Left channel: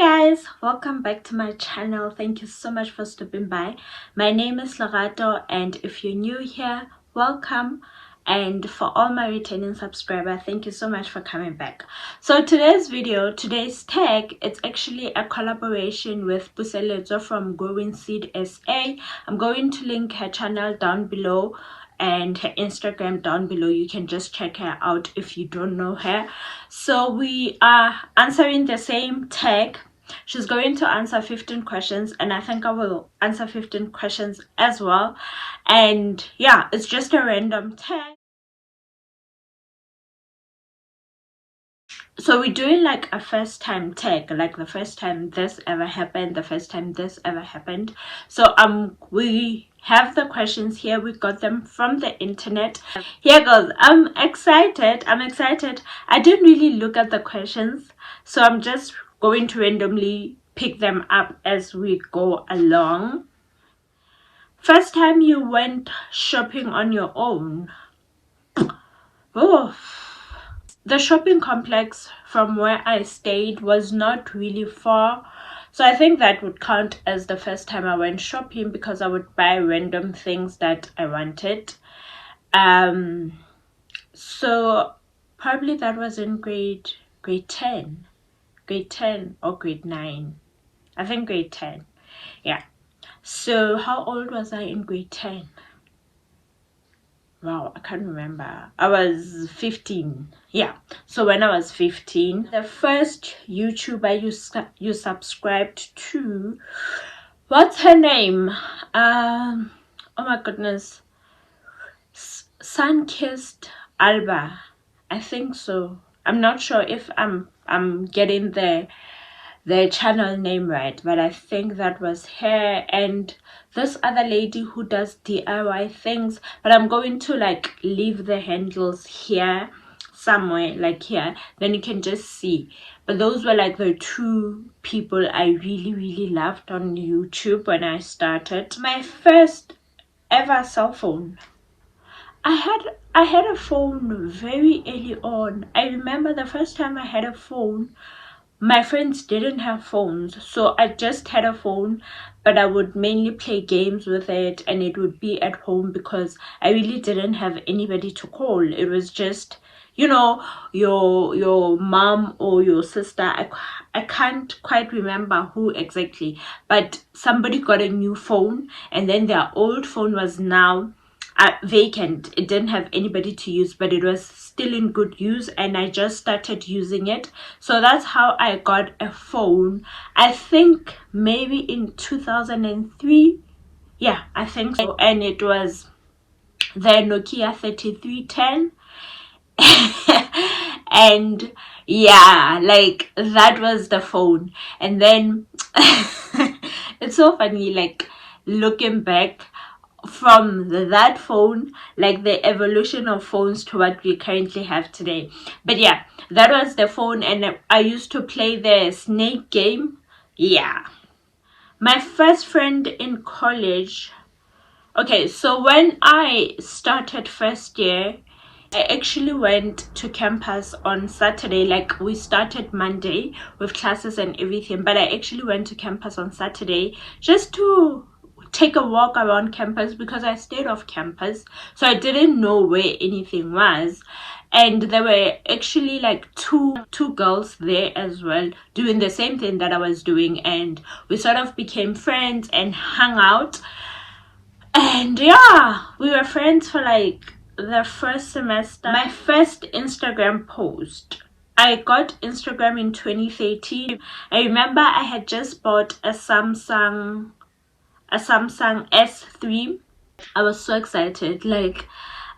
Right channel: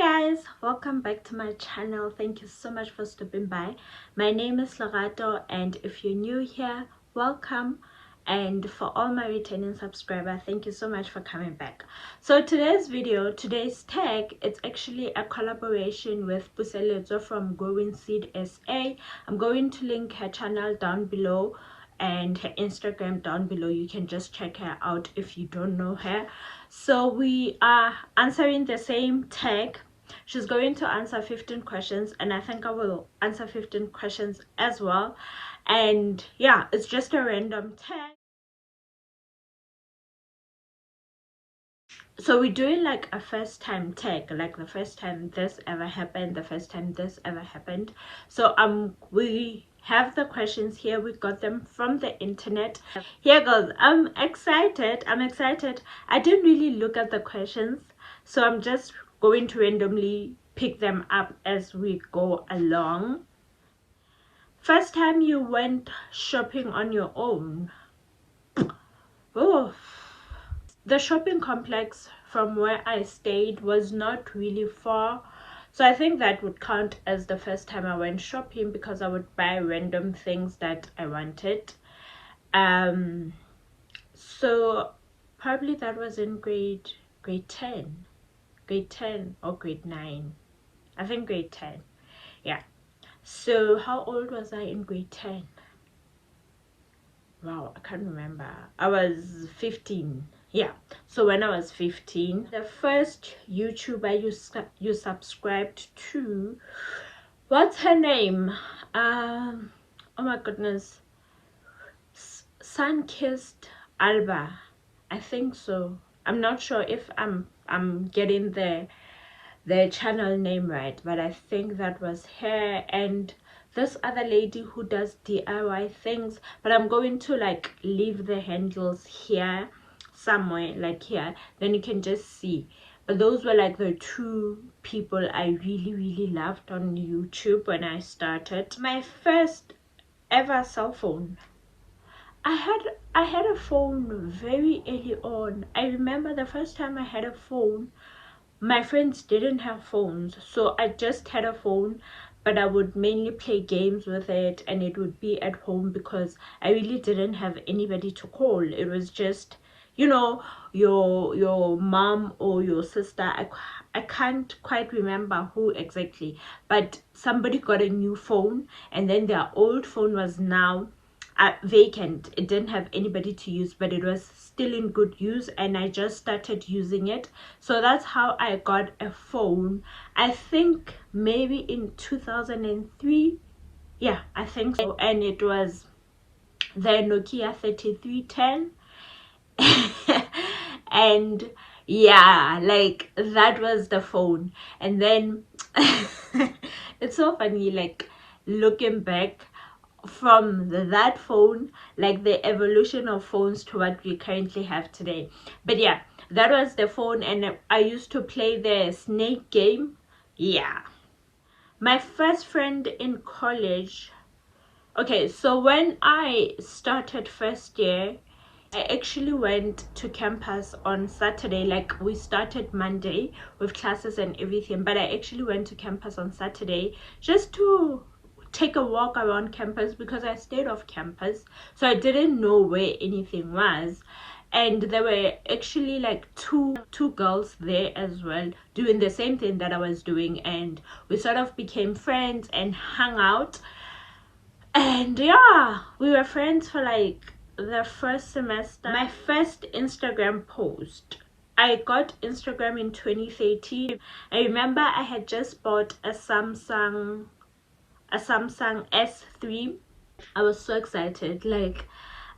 Guys, welcome back to my channel. Thank you so much for stopping by. My name is Lorato, and if you're new here, welcome. And for all my returning subscribers, thank you so much for coming back. So today's tag, it's actually a collaboration with Puseletso from Growing Seed SA. I'm going to link her channel down below and her Instagram down below. You can just check her out if you don't know her. So we are answering the same tag. She's going to answer 15 questions, and I think I will answer 15 questions as well. And yeah, it's just a random tag. So we're doing like a first time tag, like the first time this ever happened, the first time this ever happened. So we have the questions here. We got them from the internet. Here goes. I'm excited. I didn't really look at the questions, so I'm just going to randomly pick them up as we go along. First time you went shopping on your own? Oh, the shopping complex from where I stayed was not really far, so I think that would count as the first time I went shopping, because I would buy random things that I wanted. So probably that was in grade 10 or grade 9. I think grade 10. Yeah. So how old was I in grade 10? Wow, I can't remember. I was 15. Yeah. So when I was 15, the first YouTuber you subscribed to, what's her name? Oh my goodness. Sunkissed Alba. I think so. I'm not sure if I'm getting the channel name right, but I think that was her, and this other lady who does DIY things, but I'm going to like leave the handles here somewhere, like here, then you can just see. But those were like the two people I really loved on YouTube when I started. My first ever cell phone, I had a phone very early on. I remember the first time I had a phone, my friends didn't have phones, so I just had a phone, but I would mainly play games with it, and it would be at home because I really didn't have anybody to call. It was just, you know, your mom or your sister. I can't quite remember who exactly, but somebody got a new phone, and then their old phone was now vacant. It didn't have anybody to use, but it was still in good use, and I just started using it. So that's how I got a phone. I think maybe in 2003. Yeah, I think so. And it was the Nokia 3310. And yeah, like that was the phone. And then it's so funny, like looking back from that phone, like the evolution of phones to what we currently have today. But yeah, that was the phone, and I used to play the snake game. Yeah. My first friend in college. Okay, so when I started first year, I actually went to campus on Saturday. Like we started Monday with classes and everything, but I actually went to campus on Saturday just to take a walk around campus, because I stayed off campus, so I didn't know where anything was. And there were actually like two girls there as well doing the same thing that I was doing, and we sort of became friends and hung out. And yeah, we were friends for like the first semester. My first Instagram post, I got Instagram in 2013. I remember I had just bought a Samsung S3. I was so excited. Like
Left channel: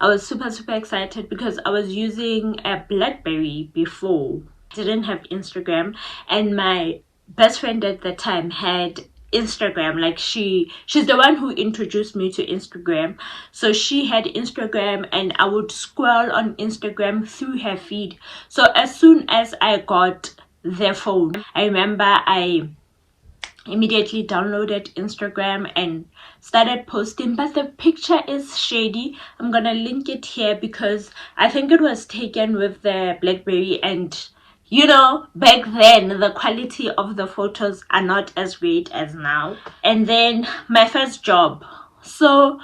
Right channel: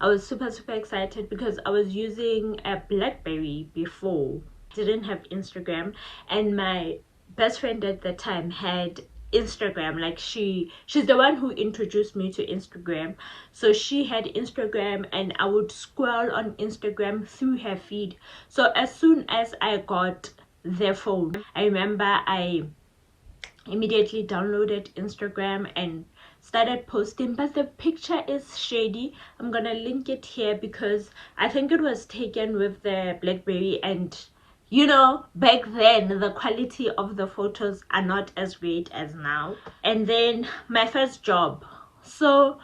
I was super excited because I was using a BlackBerry before. Didn't have Instagram, and my best friend at the time had Instagram. Like she's the one who introduced me to Instagram. So she had Instagram, and I would scroll on Instagram through her feed. So as soon as I got the phone, I remember I immediately downloaded Instagram and started posting, but the picture is shady. I'm gonna link it here because I think it was taken with the BlackBerry, and you know, back then the quality of the photos are not as great as now. And then my first job. So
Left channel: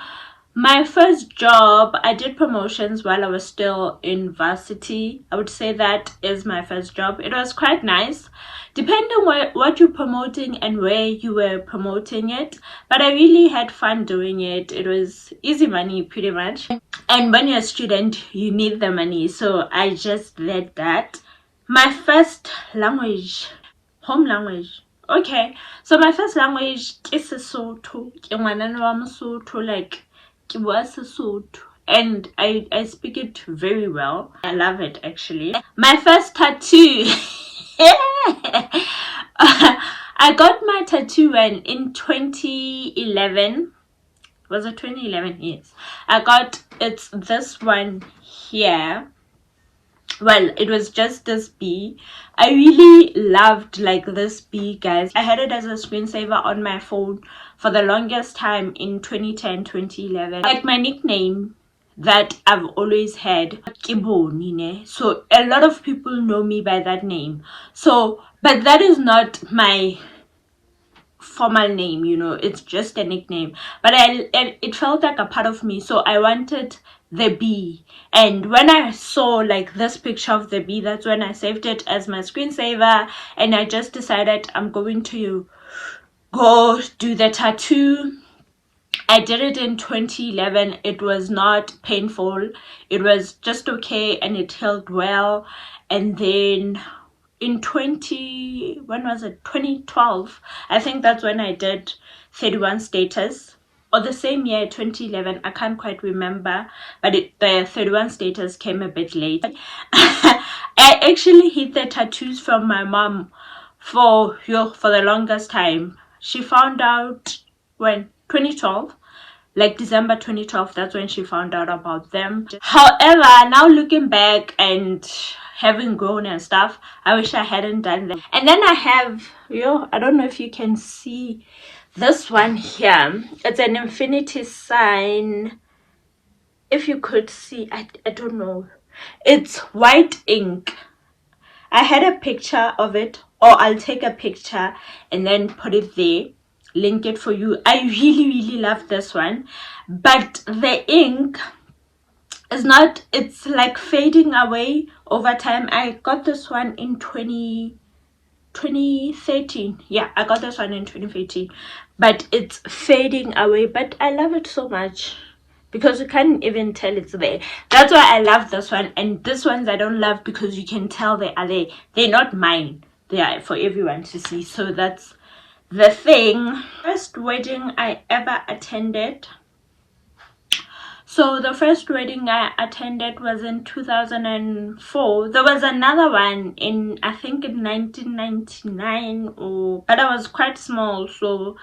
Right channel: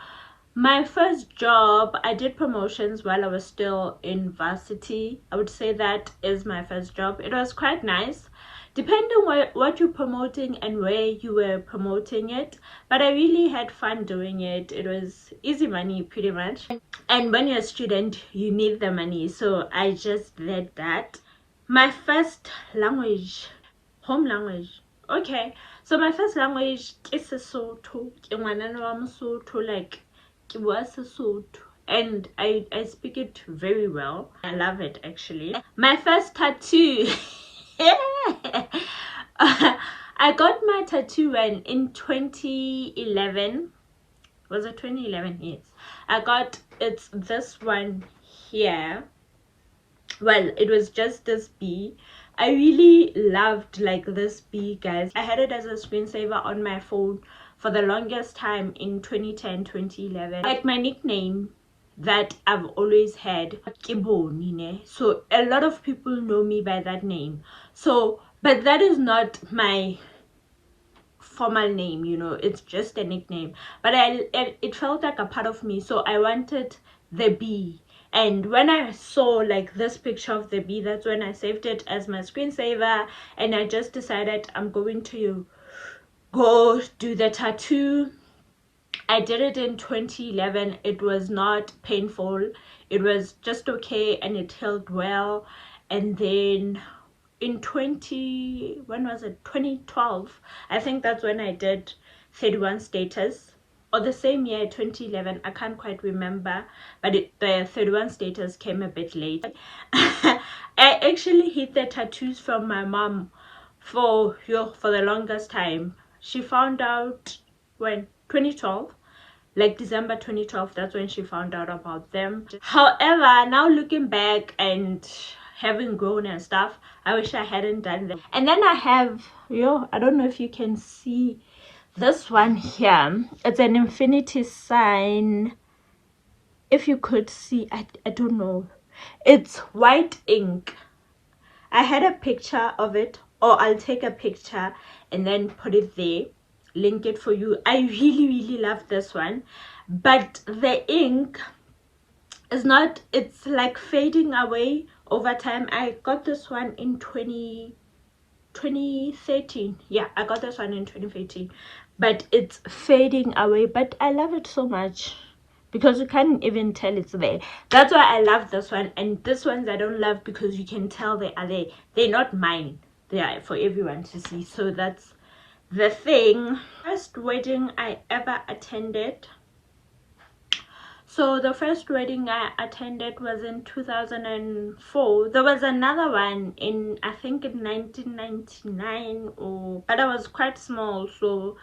my first job, I did promotions while I was still in varsity. I would say that is my first job. It was quite nice, depending on what you're promoting and where you were promoting it. But I really had fun doing it. It was easy money, pretty much. And when you're a student, you need the money. So I just did that. My first language, home language. Okay, so my first language is Sesotho. Ke ngwanana wa Mosotho, like ke bua Sesotho, and I speak it very well. I love it actually. My first tattoo. I got my tattoo when in 2011. Was it 2011? Yes. I got it's this one here. Well, it was just this bee. I really loved like this bee, guys. I had it as a screensaver on my phone for the longest time in 2010, 2011. Like my nickname that I've always had, Kibonine. So a lot of people know me by that name. So, but that is not my formal name, you know, it's just a nickname, but it felt like a part of me, so I wanted the bee. And when I saw like this picture of the bee, that's when I saved it as my screensaver, and I just decided I'm going to go do the tattoo. I did it in 2011. It was not painful, it was just okay, and it healed well. And then in when was it, 2012, I think that's when I did 31 status, or the same year, 2011, I can't quite remember, but the 31 status came a bit late. I actually hid the tattoos from my mom for the longest time. She found out when 2012, like December 2012, that's when she found out about them. However, now looking back and having grown and stuff, I wish I hadn't done that. And then I have, I don't know if you can see this one here. It's an infinity sign. If you could see, I don't know. It's white ink. I had a picture of it, or I'll take a picture and then put it there, link it for you. I really love this one, but the ink is not, it's like fading away over time. I got this one in 2013. Yeah, I got this one in 2013, but it's fading away, but I love it so much because you can't even tell it's there. That's why I love this one. And this ones I don't love because you can tell they are there. They're not mine, they are for everyone to see. So that's the thing. First wedding I ever attended. So the first wedding I attended was in 2004. There was another one in, I think, in 1999, but I was quite small, so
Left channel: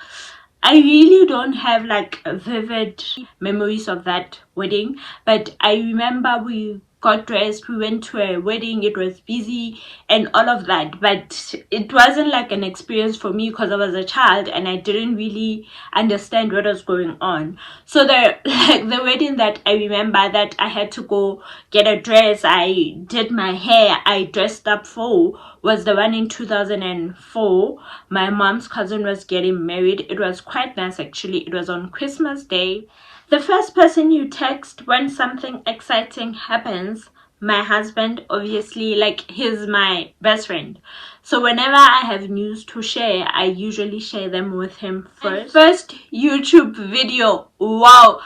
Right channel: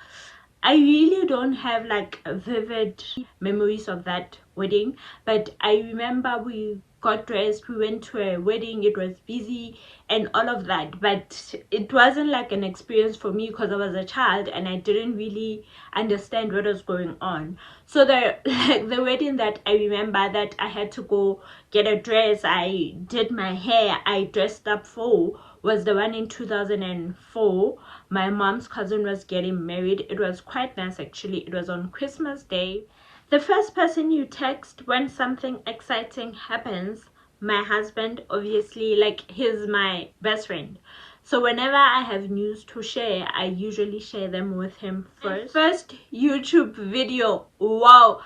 I really don't have like vivid memories of that wedding. But I remember we got dressed, we went to a wedding, it was busy and all of that, but it wasn't like an experience for me because I was a child and I didn't really understand what was going on. So the wedding that I remember that I had to go get a dress, I did my hair, I dressed up for, was the one in 2004. My mom's cousin was getting married. It was quite nice actually. It was on Christmas Day. The first person you text when something exciting happens, my husband, obviously, like he's my best friend. So whenever I have news to share, I usually share them with him first. First YouTube video, wow.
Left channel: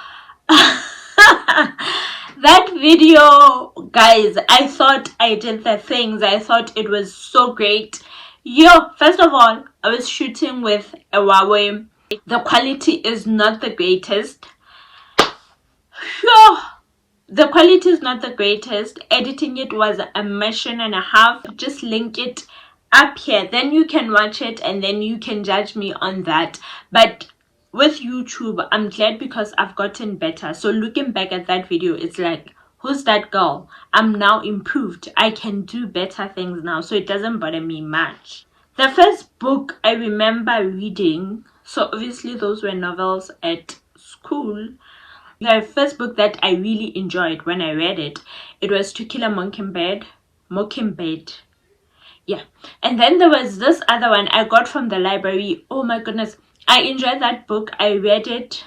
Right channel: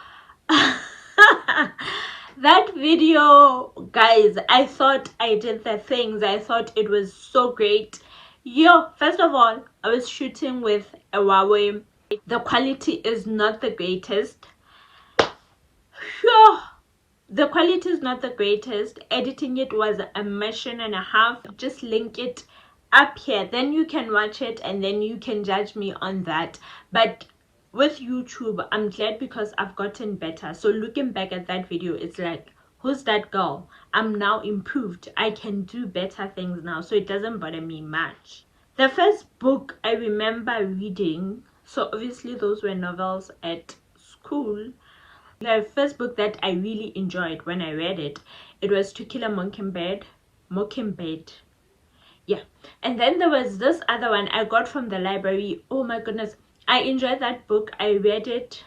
That video, guys, I thought I did the things. I thought it was so great. First of all, I was shooting with a Huawei. The quality is not the greatest. The quality is not the greatest. Editing it was a mission and a half. Just link it up here, then you can watch it and then you can judge me on that. But with YouTube, I'm glad because I've gotten better. So looking back at that video, it's like, who's that girl? I'm now improved. I can do better things now, so it doesn't bother me much. The first book I remember reading, so obviously those were novels at school. The first book that I really enjoyed when I read it, it was To Kill a Mockingbird. Yeah. And then there was this other one I got from the library. Oh my goodness, I enjoyed that book. I read it.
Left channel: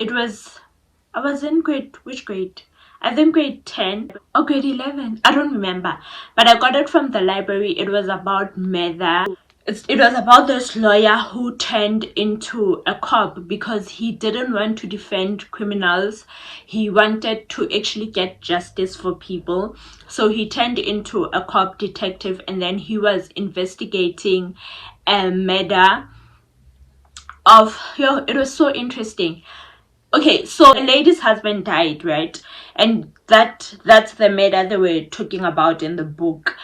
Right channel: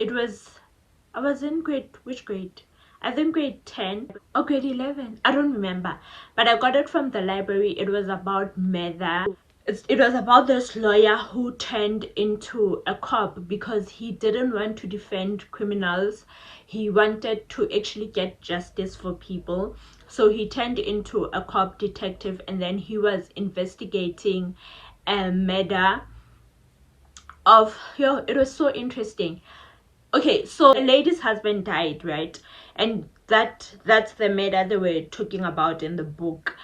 I was in which grade? I think grade 10 or grade 11. I don't remember. But I got it from the library. It was about murder. It was about this lawyer who turned into a cop because he didn't want to defend criminals. He wanted to actually get justice for people. So he turned into a cop detective, and then he was investigating a murder of, it was so interesting. Okay, so the lady's husband died, right? And that's the murder they were talking about in the book.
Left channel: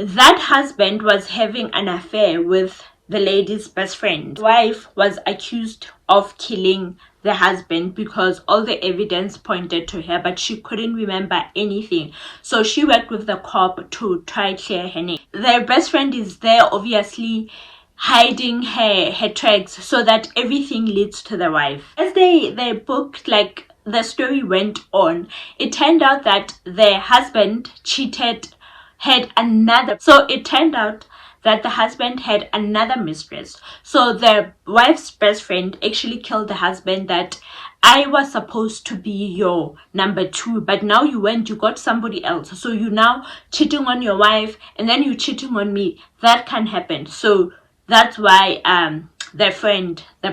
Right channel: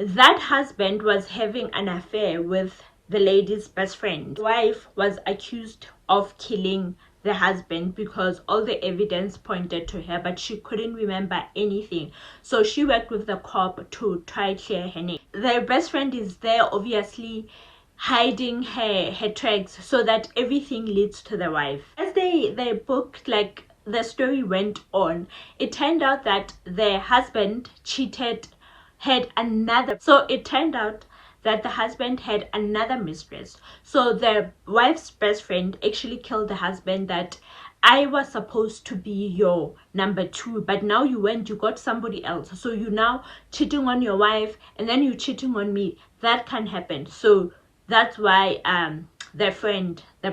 That husband was having an affair with the lady's best friend. The wife was accused of killing the husband because all the evidence pointed to her, but she couldn't remember anything. So she worked with the cop to try clear her name. Their best friend is there, obviously hiding her tracks so that everything leads to the wife. As they booked, like the story went on, it turned out that the husband so it turned out that the husband had another mistress. So the wife's best friend actually killed the husband, that I was supposed to be your number two, but now you went, you got somebody else. So you now cheating on your wife, and then you cheating on me. That can happen. So that's why the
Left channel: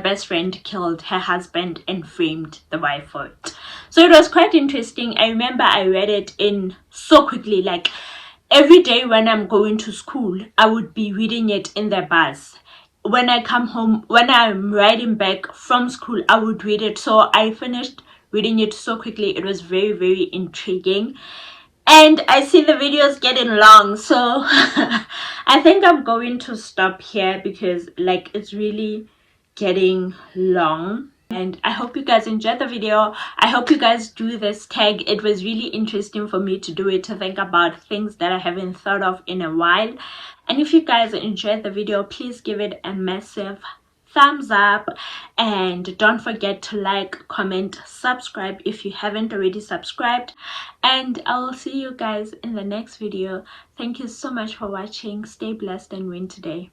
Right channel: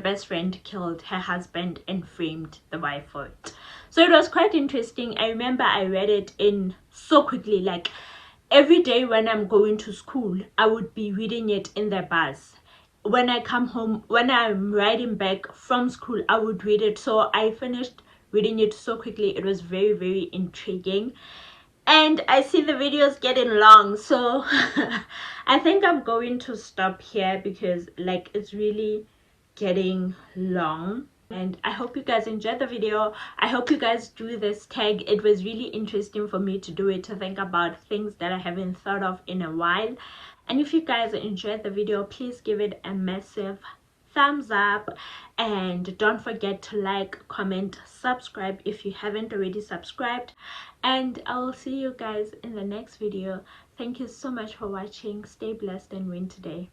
best friend, killed her husband and framed the wife for it. So it was quite interesting. I remember I read it in so quickly, like every day when I'm going to school, I would be reading it in the bus. When I come home, when I'm riding back from school, I would read it. So I finished reading it so quickly. It was very, very intriguing. And I see the videos getting long, so I think I'm going to stop here because like it's really getting long. And I hope you guys enjoyed the video. I hope you guys do this tag. It was really interesting for me to do it, to think about things that I haven't thought of in a while. And if you guys enjoyed the video, please give it a massive thumbs up, and don't forget to like, comment, subscribe if you haven't already subscribed, and I'll see you guys in the next video. Thank you so much for watching. Stay blessed and win today.